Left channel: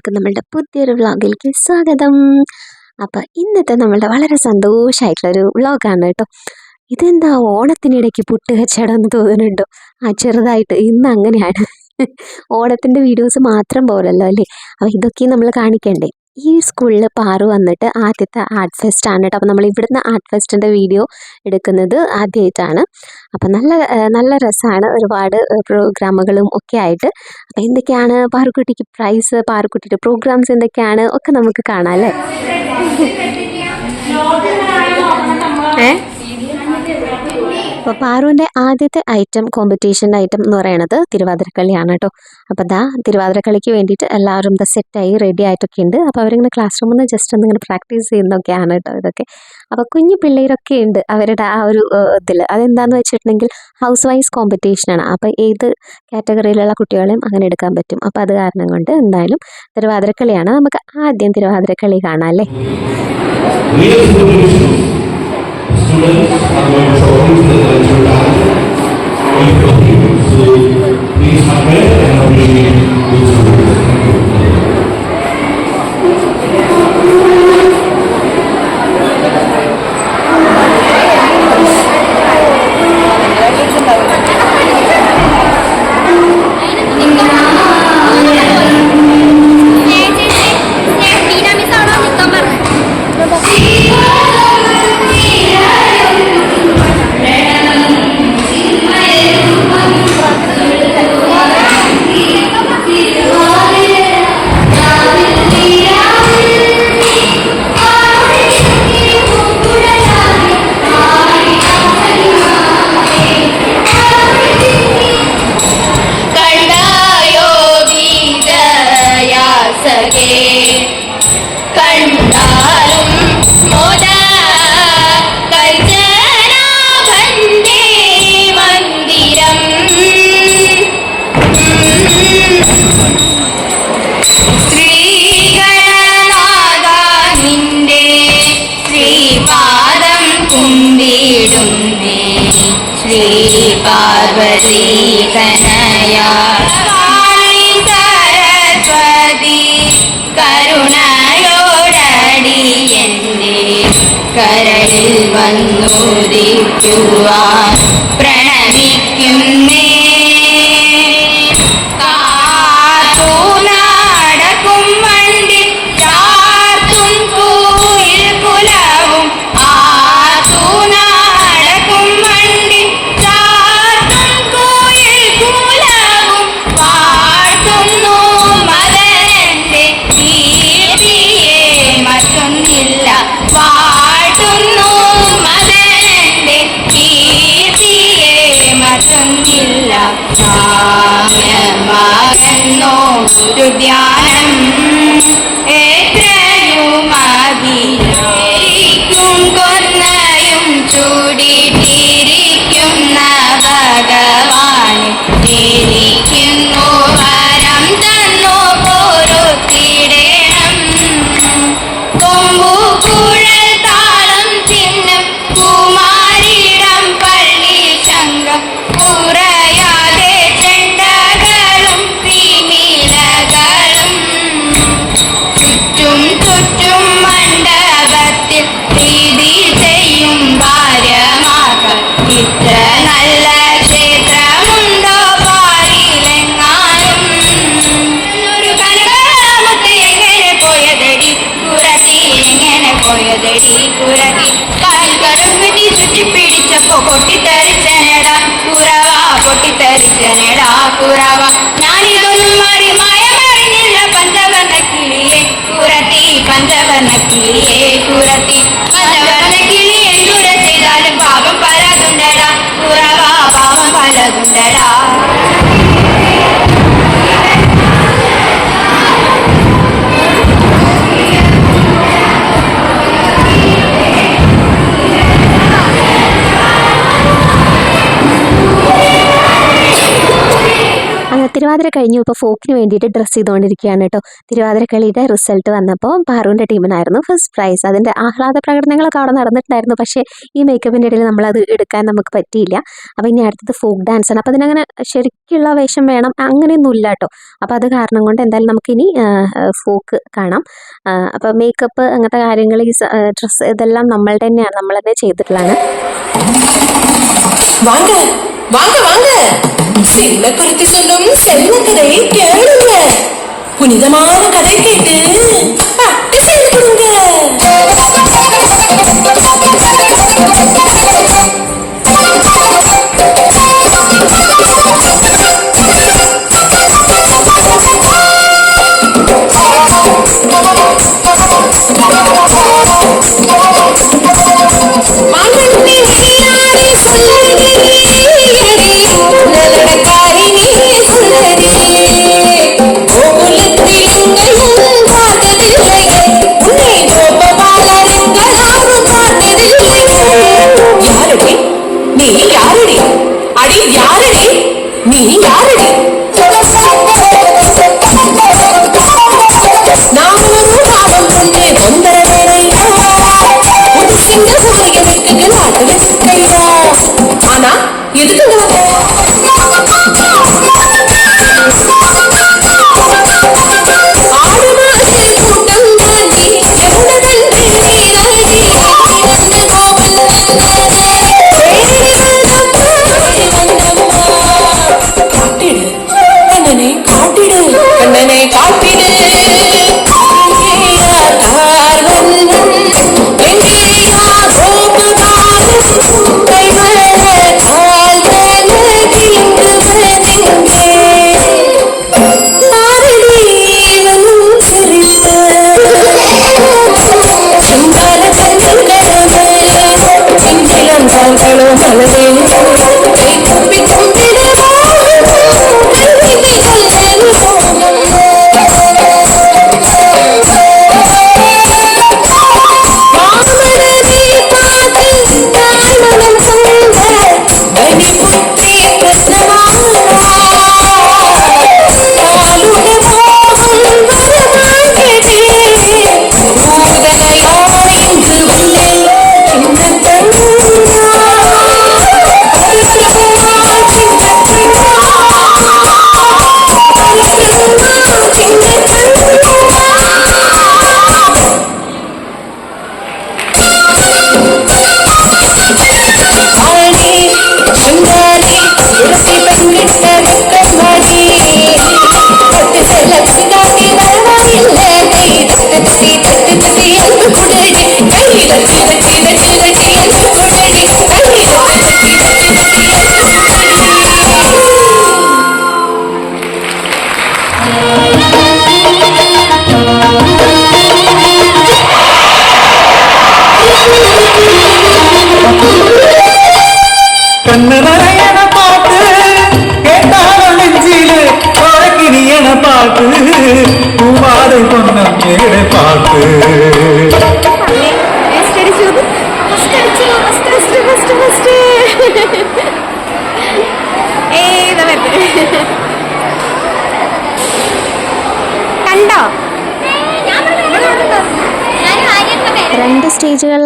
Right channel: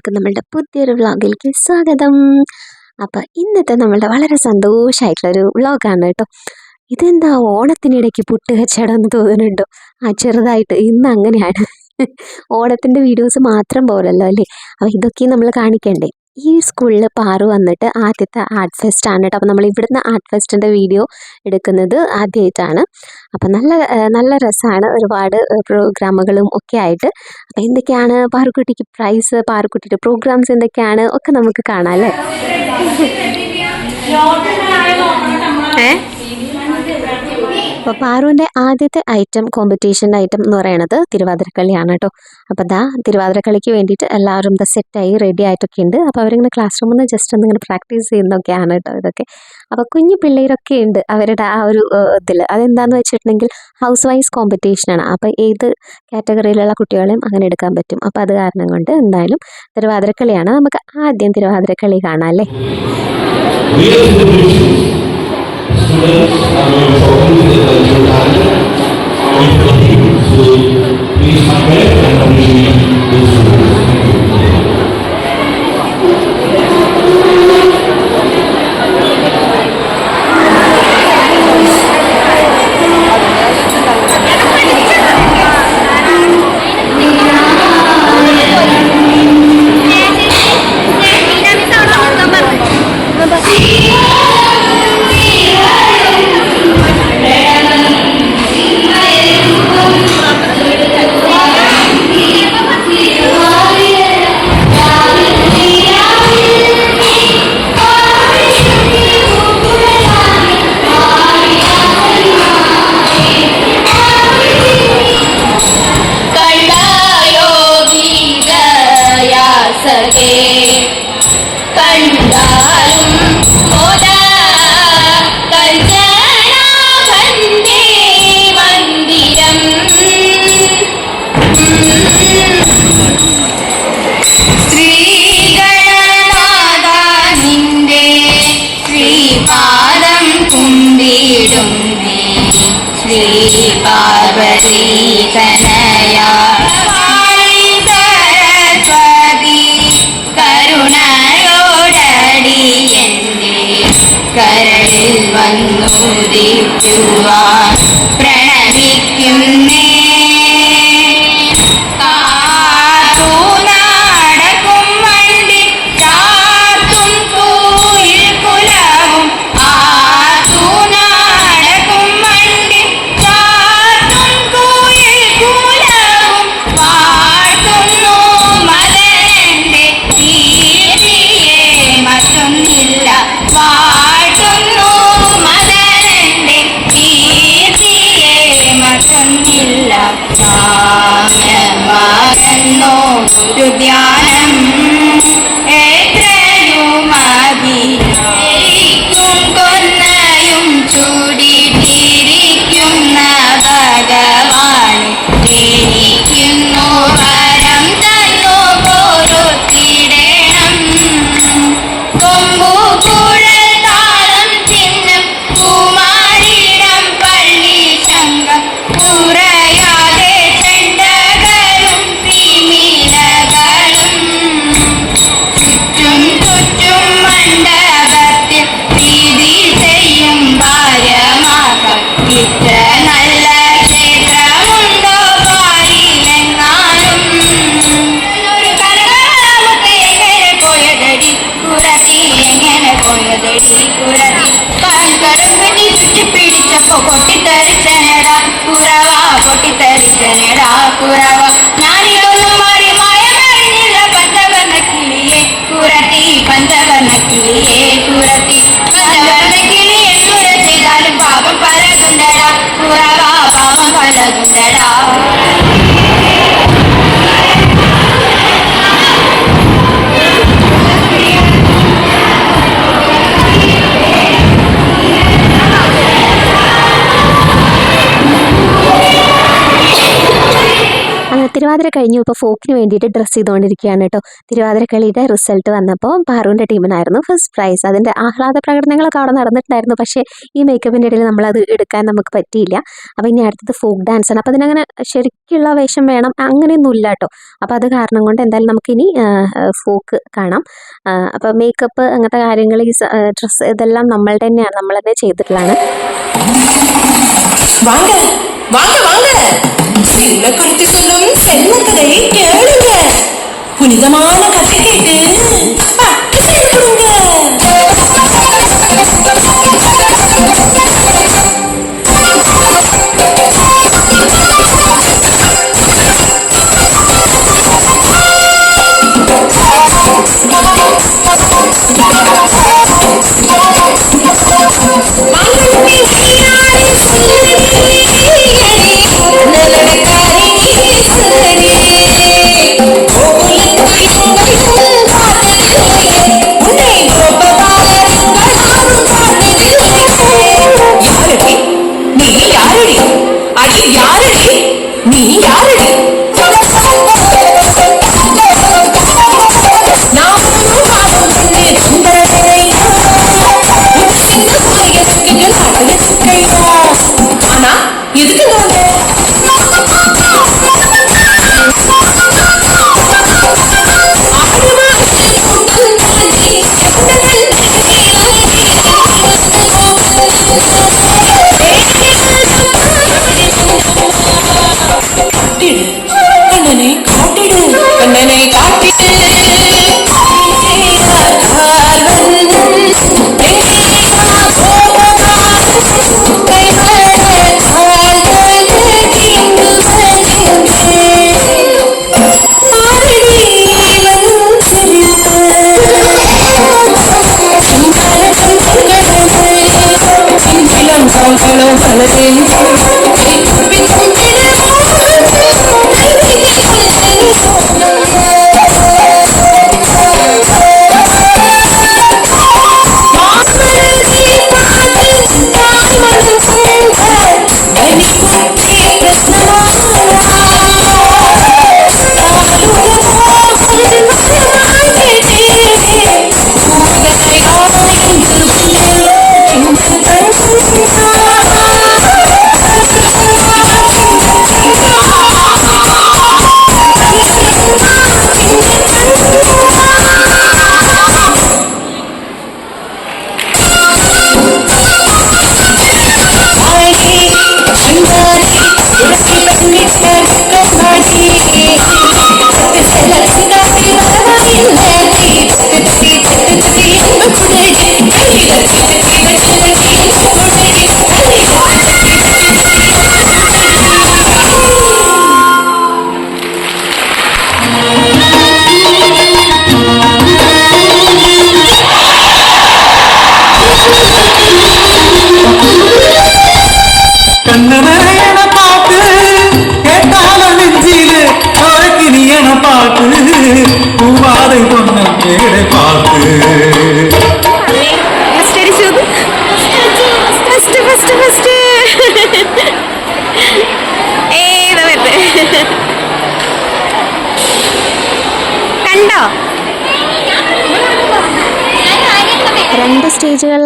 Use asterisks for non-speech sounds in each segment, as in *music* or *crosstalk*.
എല്ലാവർക്കും നമ്മളുടെ പുതിയൊരു വ്ളോഗിലേക്ക് സ്വാഗതം. അപ്പം ഇന്നത്തെ നമ്മളുടെ വളരെ സന്തോഷമായിട്ടുള്ളൊരു വ്ളോഗാണ് കേട്ടോ. ഇതെന്താ ഓണത്തിനിടയ്ക്ക് പുട്ട് കച്ചവടം എന്ന് തോന്നുന്നുണ്ടോ? ആ ചെറുതായിട്ട് ഇന്ന് അങ്ങനെയാണ്. ഓണത്തിന്റെ വീഡിയോസ് മാത്രം പോലല്ലോ അല്ലേ? അപ്പോൾ ഇതൊക്കെ നമ്മൾ കാണിക്കണ്ടേ? ഈ സ്കൂളിൽ പാറു വന്നിട്ട് ആദ്യത്തെ ആർട്ട് ഫെസ്റ്റ് ആണ് കേട്ടോ അപ്പോൾ നമ്മൾ ഇവിടുന്ന് ആർട്ട് ഫെസ്റ്റിന്റെ വീഡിയോ എടുക്കുന്നത് ആദ്യമായിട്ടാണ് അപ്പോൾ നല്ല നല്ല രസമാണ് ഒരുപാട് പ്രോഗ്രാമുകളും ഒക്കെ ആയിട്ട്. അപ്പം എന്തൊക്കെയാണ് പാറുക്കുട്ടിക്ക് പ്രൈസ് പാറുക്കുട്ടിയുടെ പ്രോഗ്രാംസ് എന്തൊക്കെയാണ്? ഒക്കെ നമുക്ക് കാണാം അല്ലേ? ഏ? അപ്പോൾ പാറുവിന്റെ ആദ്യത്തെ ഐറ്റം കോമ്പറ്റീഷൻ ഐറ്റം എന്ന് പറയുന്നത് തിരുവാതിരക്കളിയാണ് കേട്ടോ അപ്പോൾ ദാ തിരുവാതിരക്കളിക്ക് വേണ്ടിയിട്ട് എല്ലാവരും ദ സെറ്റായി റെഡി ആയിട്ടൊക്കെ ഉണ്ട്. അപ്പോൾ അവരിങ്ങനെ ക്ലാസ് റൂമിൽ നിന്ന് ജസ്റ്റ് ഒന്ന് ഇങ്ങനെ പ്രാക്ടീസ് ചെയ്യുന്നൊക്കെയാണ് കേട്ടോ ഇതൊക്കെ. അപ്പോൾ കുഞ്ഞു പിള്ളേരൊക്കെ ഉണ്ട് അവരുടെ ആ ഒരു ഇതിൽ അതെന്താണെന്ന് വെച്ചിട്ടുണ്ടെങ്കിൽ ഹൗസ് വൈസ് കോമ്പറ്റീഷനാണ് അപ്പോൾ ഏത് കാറ്റഗറിയിലുള്ള കുട്ടികളെയും അങ്ങനെ എടുക്കാൻ പറ്റും. അപ്പോൾ അത് കാരണം കൊണ്ട് എന്തായാലും തിരുവാതിരക്കളിയാണ്. നമുക്ക് ആദ്യം തിരുവാതിരക്കളി കാണാം അല്ലേ. Students are going to perform the cultural of the people. So please support and appreciate those. Thank you. đời Thiruvathira കഴിഞ്ഞു. ഇപ്പോൾ ഫോക്കിന് വേണ്ടിയിട്ട് ഡ്രസ്സ് ചെയ്തുകൊണ്ടിരിക്കുകയാണ് കേട്ടോ തിരുവാതിരക്കളിയുടെ റിസൾട്ട് വന്നപ്പോൾ പാറുവിന്റെ ടീമിനായിരുന്നു ഫസ്റ്റ് പ്രൈസ് അതിന്റെ ആഹ്ലാദ പ്രകടനങ്ങളൊക്കെ അവിടെ നടന്നിട്ടുണ്ടായിരുന്നു. പക്ഷേ ഈ മേക്കപ്പിന്റെ ഇടയിൽ നമ്മളത് എടുക്കാൻ നമുക്ക് പറ്റിയില്ല. അപ്പോൾ ഇനി അടുത്തത് ഫോക്ക് ഡാൻസാണ് അപ്പോൾ അതിനങ്ങനെ ശരിക്കുള്ള വേഷം വേണം അങ്ങനെയൊന്നും ഇല്ല കേട്ടോ അപ്പോൾ അത് കാരണം കൊണ്ട് എന്തായാലും നമുക്കിനി ഫോക്ക് കാണാം. അപ്പോൾ മേക്കപ്പ് അങ്ങനത്തെ കാര്യങ്ങൾ ഈ ഡ്രസ്സ് ഇതെല്ലാം നമ്മൾ തന്നെയാണ്. നമ്മൾ തന്നെ ചെയ്തിട്ടുള്ളതാണ്. വാങ്ങ വാങ്ങ. செல்ல குறித்து சொல்லும் செல்ல கதையை கேளுங்க. புனிதமான கதை கேட்டு.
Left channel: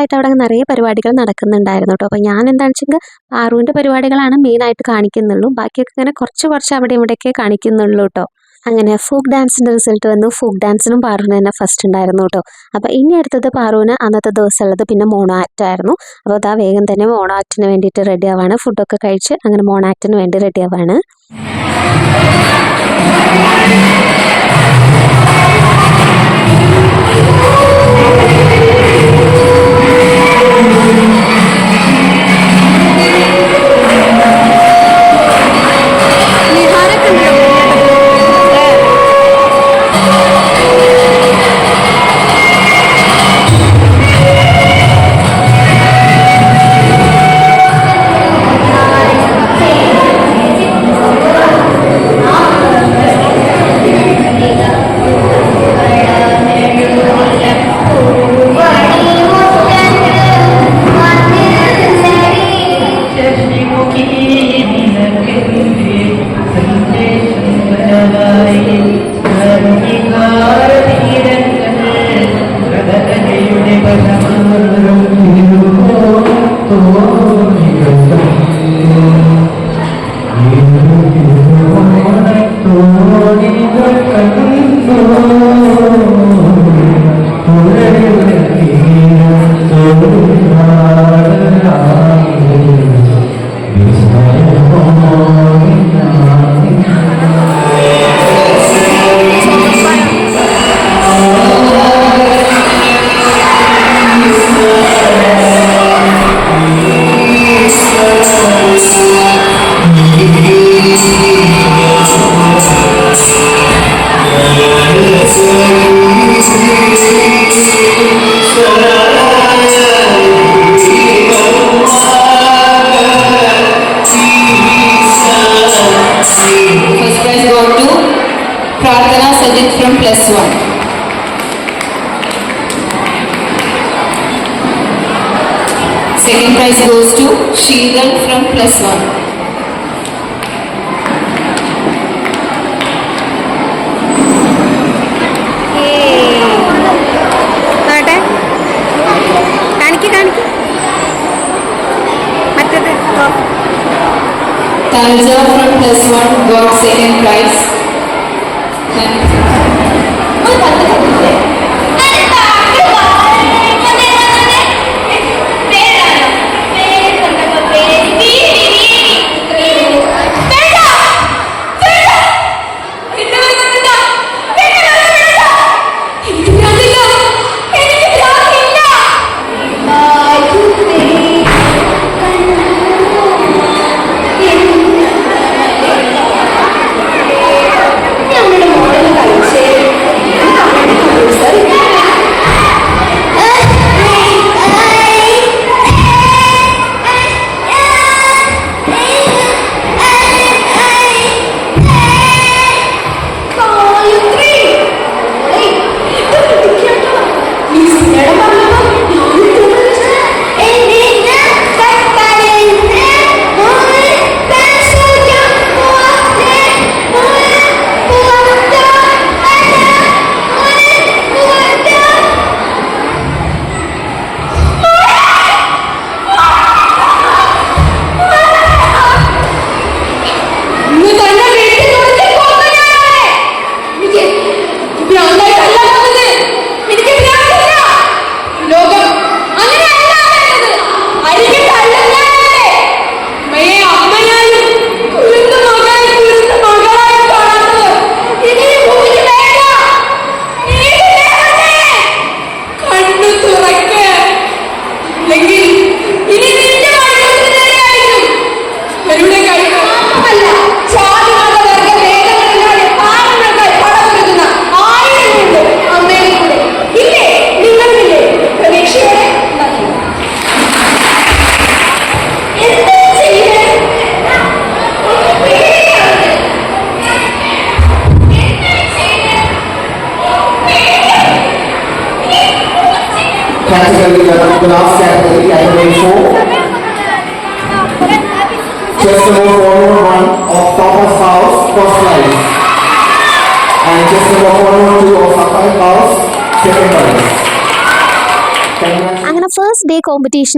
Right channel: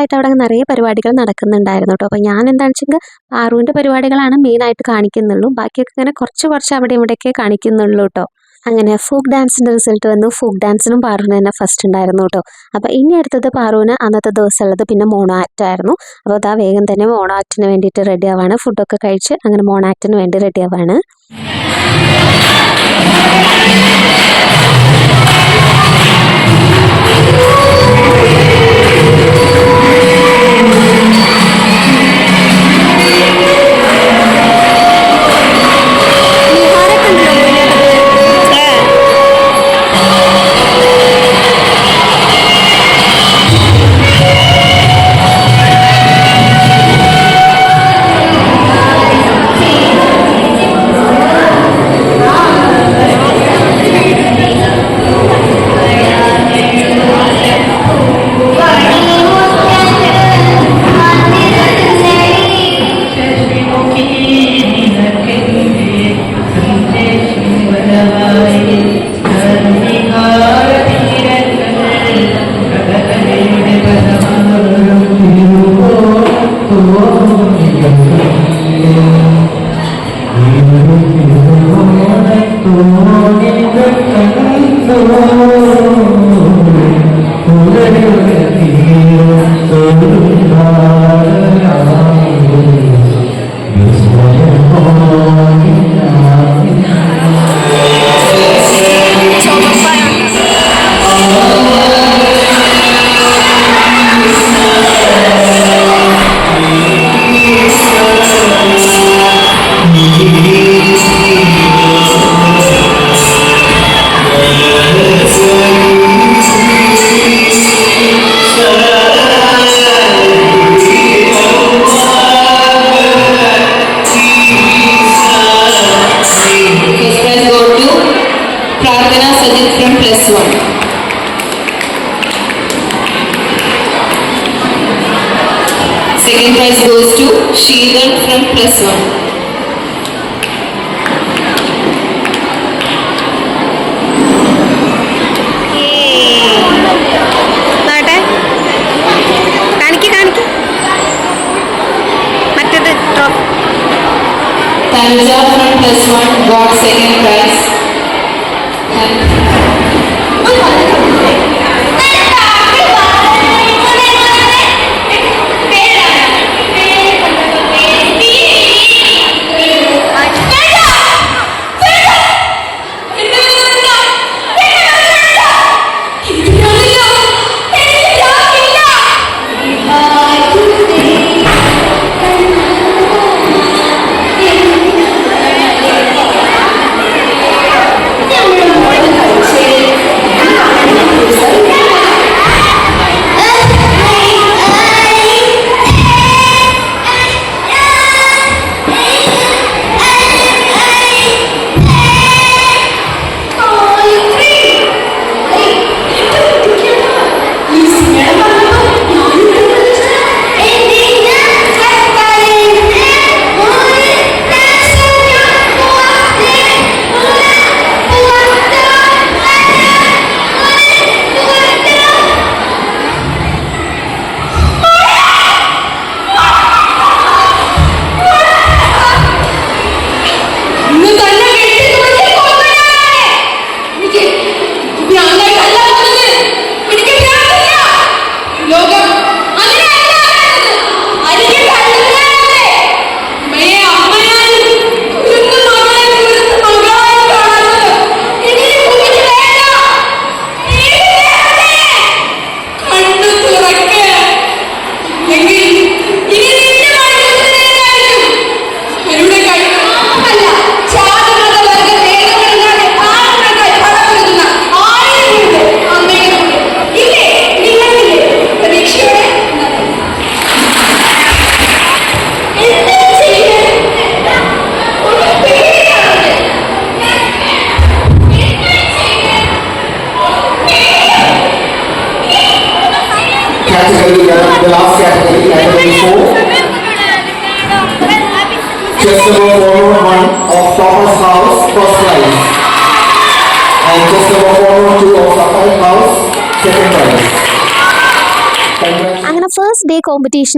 ആയിട്ട് അവിടെ നിറയെ പരിപാടികൾ നടക്കുന്നുണ്ടായിരുന്നു കേട്ടോ. അപ്പോൾ ഞാൻ എന്താണെന്ന് വെച്ചെങ്കിൽ പാറുവിന്റെ പരിപാടികളാണ് മെയിനായിട്ട് കാണിക്കുന്നുള്ളൂ. ബാക്കിയൊക്കെ ഇങ്ങനെ കുറച്ച് കുറച്ച് അവിടെ ഇവിടെയൊക്കെ കാണിക്കുന്നുള്ളൂ കേട്ടോ. അങ്ങനെ ഫോക്ക് ഡാൻസിന്റെ റിസൾട്ട് വന്നു. ഫോക്ക് ഡാൻസിനും പാറുവിന് തന്നെ ഫസ്റ്റ് ഉണ്ടായിരുന്നു കേട്ടോ. അപ്പോൾ ഇനി അടുത്തത് പാറുവിന് അന്നത്തെ ദിവസം ഉള്ളത് പിന്നെ മോണോ ആയിരുന്നു. അപ്പോൾ അതാ വേഗം തന്നെ മോണോ വേണ്ടിയിട്ട് റെഡി ആവാണ്. ഫുഡൊക്കെ കഴിച്ച് അങ്ങനെ മോണോ വേണ്ടി റെഡി ആവാണ്.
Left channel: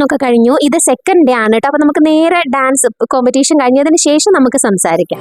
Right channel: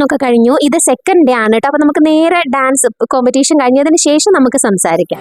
ഒക്കെ കഴിഞ്ഞു ഇത് സെക്കൻഡ് ഡേ ആണ് കേട്ടോ അപ്പൊ നമുക്ക് നേരെ ഡാൻസ് കോമ്പറ്റീഷൻ കഴിഞ്ഞതിന് ശേഷം നമുക്ക് സംസാരിക്കാം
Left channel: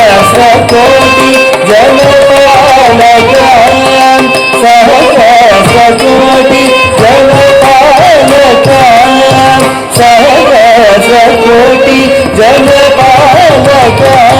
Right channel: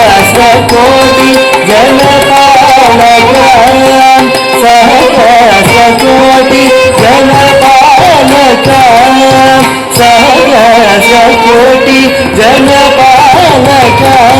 సహస్రకోటి జనపాలకాం సహస్రకోటి జనపాలకాం సహస్రకోటి జనపాలకాం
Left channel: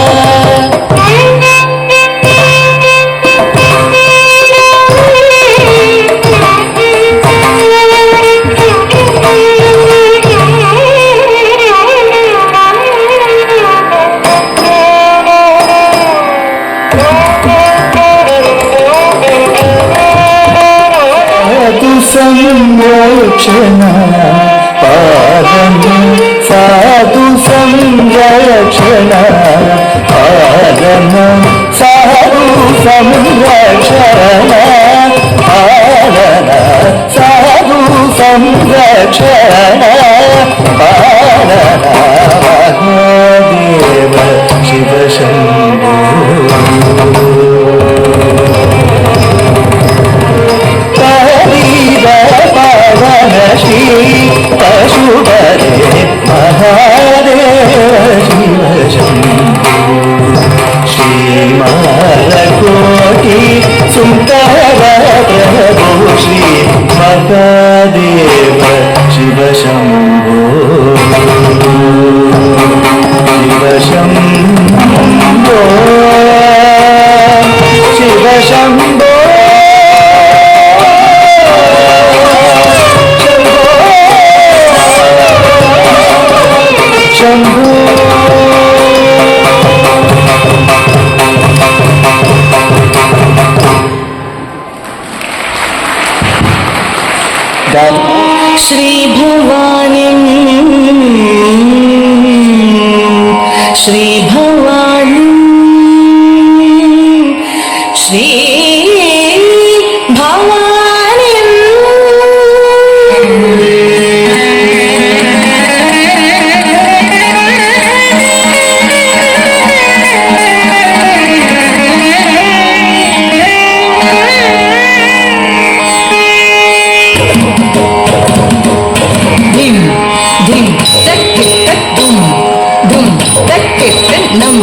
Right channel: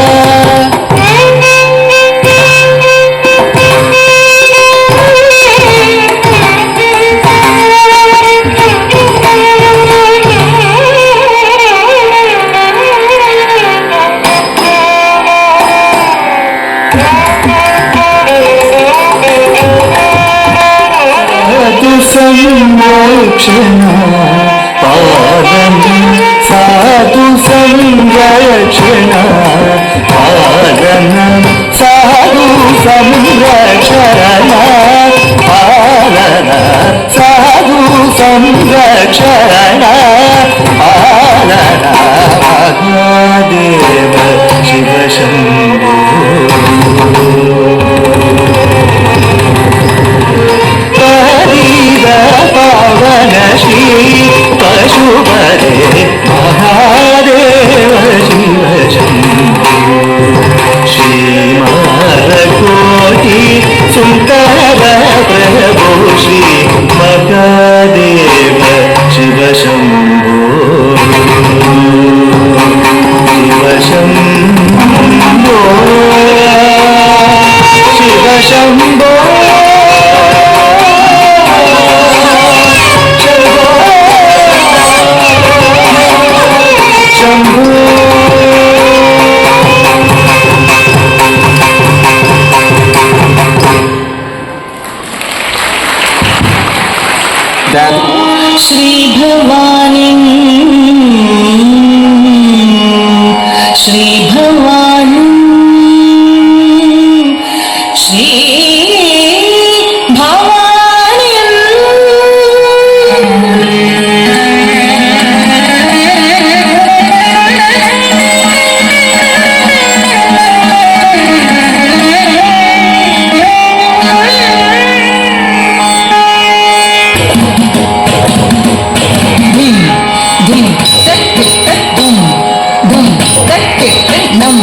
നം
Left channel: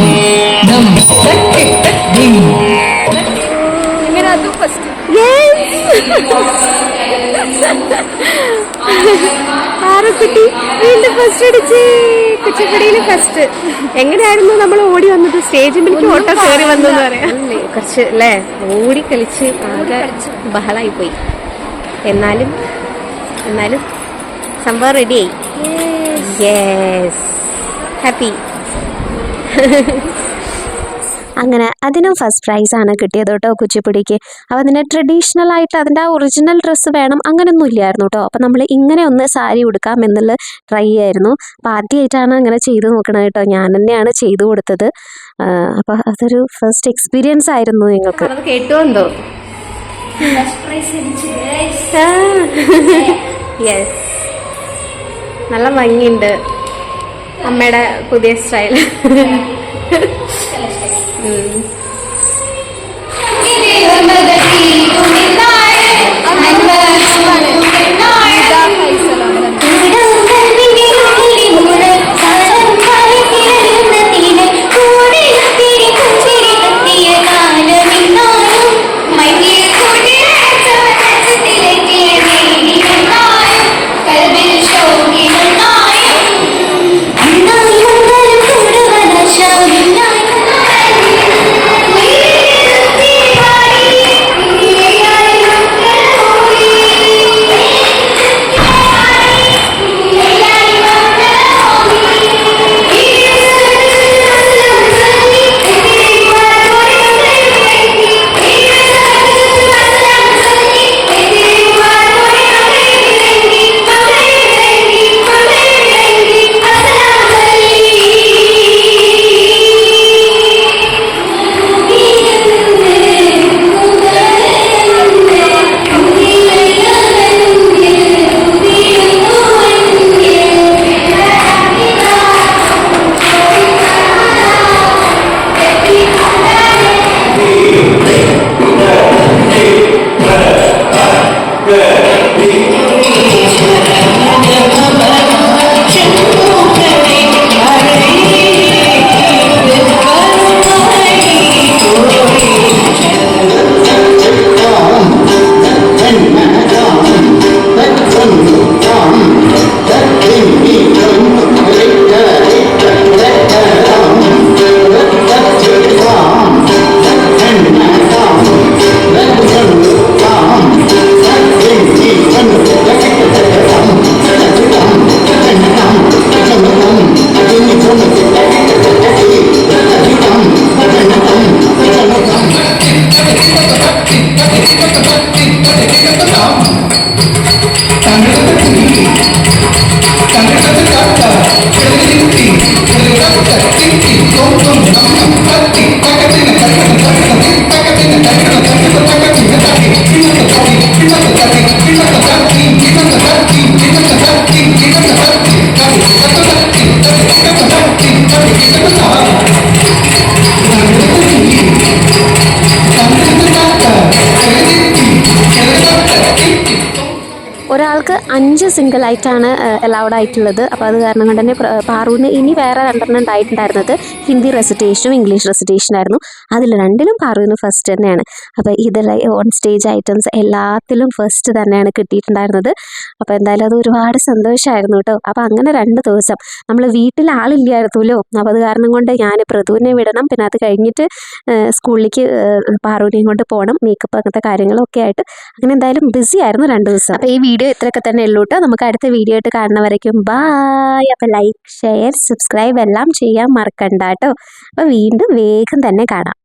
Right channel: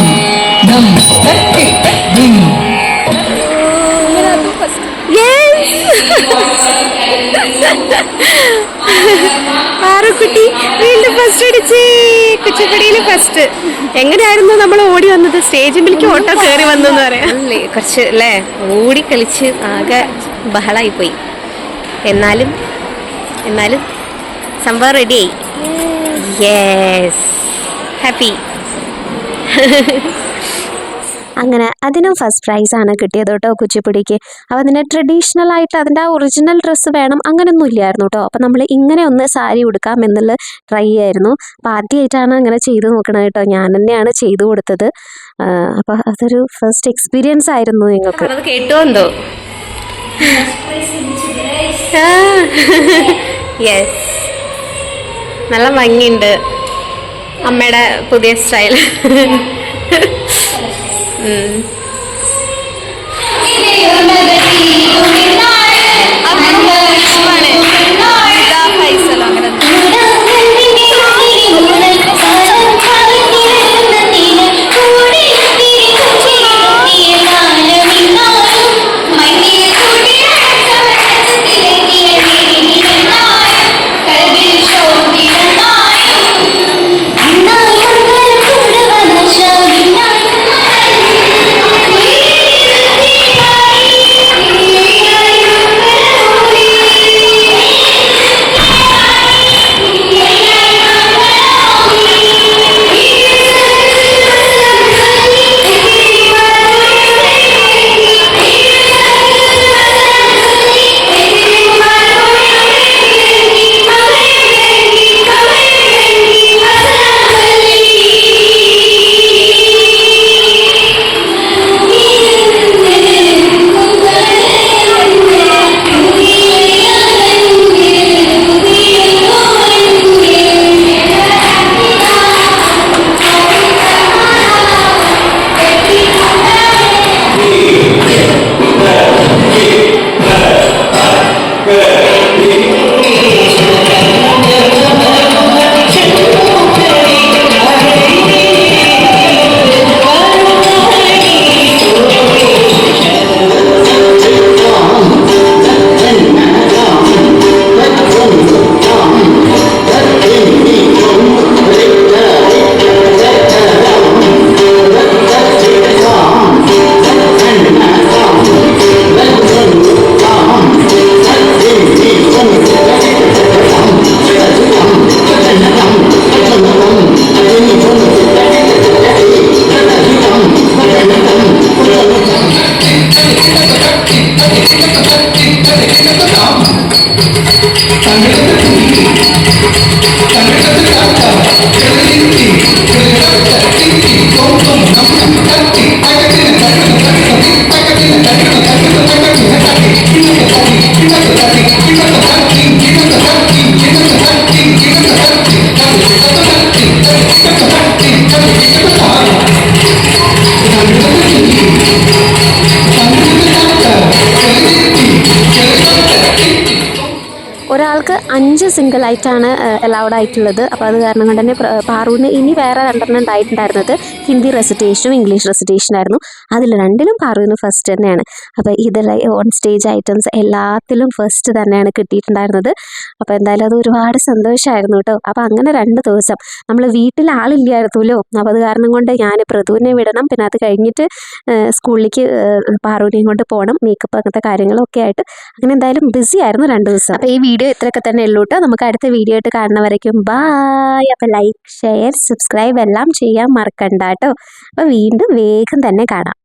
നം ഫസ്റ്റ് യെസ് പാറക്കുട്ടി വീണ്ടും ഫസ്റ്റ് അടിച്ചേ. കുച്ചിപ്പടിയിൽ ഫസ്റ്റ് എങ്ങനെയായിരുന്നു നമ്മൾ ഓടി വന്നത്? സ്റ്റേജിലേക്ക് ഓട്ടോ കയറി വന്നു എന്ന് പറയാം. കുറച്ച് അല്ലേ? ഓടി കളിച്ച് ആകെ ബഹളായി പോയി. എന്നാലും എന്നാലും സംഭവം റെഡിയായി യെസ് ഹാപ്പി *laughs* അങ്ങനെ അതിനും ഫസ്റ്റ് പ്രൈസ് ആണ് കിട്ടിയത് കേട്ടോ കുച്ചിപ്പുടിക്ക്. അപ്പോൾ അതിന് ട്രഡീഷണൽ ആയിട്ട് അതിന്റെ ആ ഒറിജിനൽ ഡ്രസ്സ് വേണം അങ്ങനെയൊന്നും ഇല്ലായിരുന്നു കേട്ടോ. അപ്പോൾ നമ്മൾ ഇങ്ങനെ ഒന്ന് സാരി ഉടുക്കാം എന്നുള്ള ട്രൈ ആയിരുന്നു. അപ്പോൾ ആദ്യമായിട്ടാണ് അങ്ങനെ ചെയ്തു നോക്കണത് കേട്ടോ. ഞാൻ തന്നെയാണ് ചെയ്തു കൊടുത്തത്. അപ്പോൾ അതൊരു ഫസ്റ്റ് എക്സ്പീരിയൻസ് ആയിരുന്നു നിങ്ങൾക്ക്. അത് കേട്ടോ യെസ് *laughs* നല്ല ഭംഗിയുണ്ട്. അമ്മയുടെ പുതിയ സ്റ്റൈൽ അണ്ണാ സ്റ്റേജ് സിംഗിൾ ആയിട്ടാണ് അലൗഡ് ആയിട്ടുള്ളത്. അപ്പോൾ അത് കാരണം കൊണ്ട് തന്നെ പാറുവിന് ഇനി വേറെ രണ്ടെണ്ണം ഉണ്ടായിട്ടുണ്ടായിരുന്നത് ഹിന്ദി റെസിറ്റേഷനും ഇംഗ്ലീഷ് റെസിറ്റേഷനായിരുന്നു അതിൽ രണ്ടിലും പാറുവിന് ഫസ്റ്റ് തന്നെയാണ്. അപ്പോൾ ഇതിൽ ഓൺ സ്റ്റേജ് ഐറ്റംസ് എല്ലാത്തിലും ഫസ്റ്റ് തന്നെയാണ് കിട്ടിയിട്ടുണ്ടായിരുന്നത്. അപ്പോൾ എന്തായാലും അത് ഒരുപാട് സന്തോഷമായിരുന്നു കേട്ടോ. അപ്പോൾ അങ്ങനെ രണ്ട് ദിവസം നമ്മൾ വീട്ടിൽ ആളില്ലായിരുന്നല്ലോ. അപ്പോൾ അത് കാരണം കൊണ്ട് ഞാൻ പ്രതുവിനെ വിടണം. പിന്നെ അത് കഴിഞ്ഞിട്ട് സ്കൂളിലേക്ക് പാറുവിനെയും കൊണ്ട് പോകണം. മേക്കപ്പ് അങ്ങനത്തെ കാര്യങ്ങളൊക്കെ ആയിട്ട്. അങ്ങനെ എന്തായാലും ബിസി ആയിരുന്നു രണ്ട് ദിവസം. അപ്പോൾ ഈ വീഡിയോ ഇത്രയൊക്കെ തന്നെ ഉള്ളൂ കേട്ടോ നമുക്ക് അടുത്ത വീഡിയോ ആയിട്ട് കാണുന്നവരേക്കും ബായ് അപ്പോൾ ലൈക്ക് ഷെയർ സബ്സ്ക്രൈബ് എല്ലാം ചെയ്യാൻ മറക്കണ്ട കേട്ടോ അപ്പോൾ വീണ്ടും വേഗം തന്നെ കാണാം.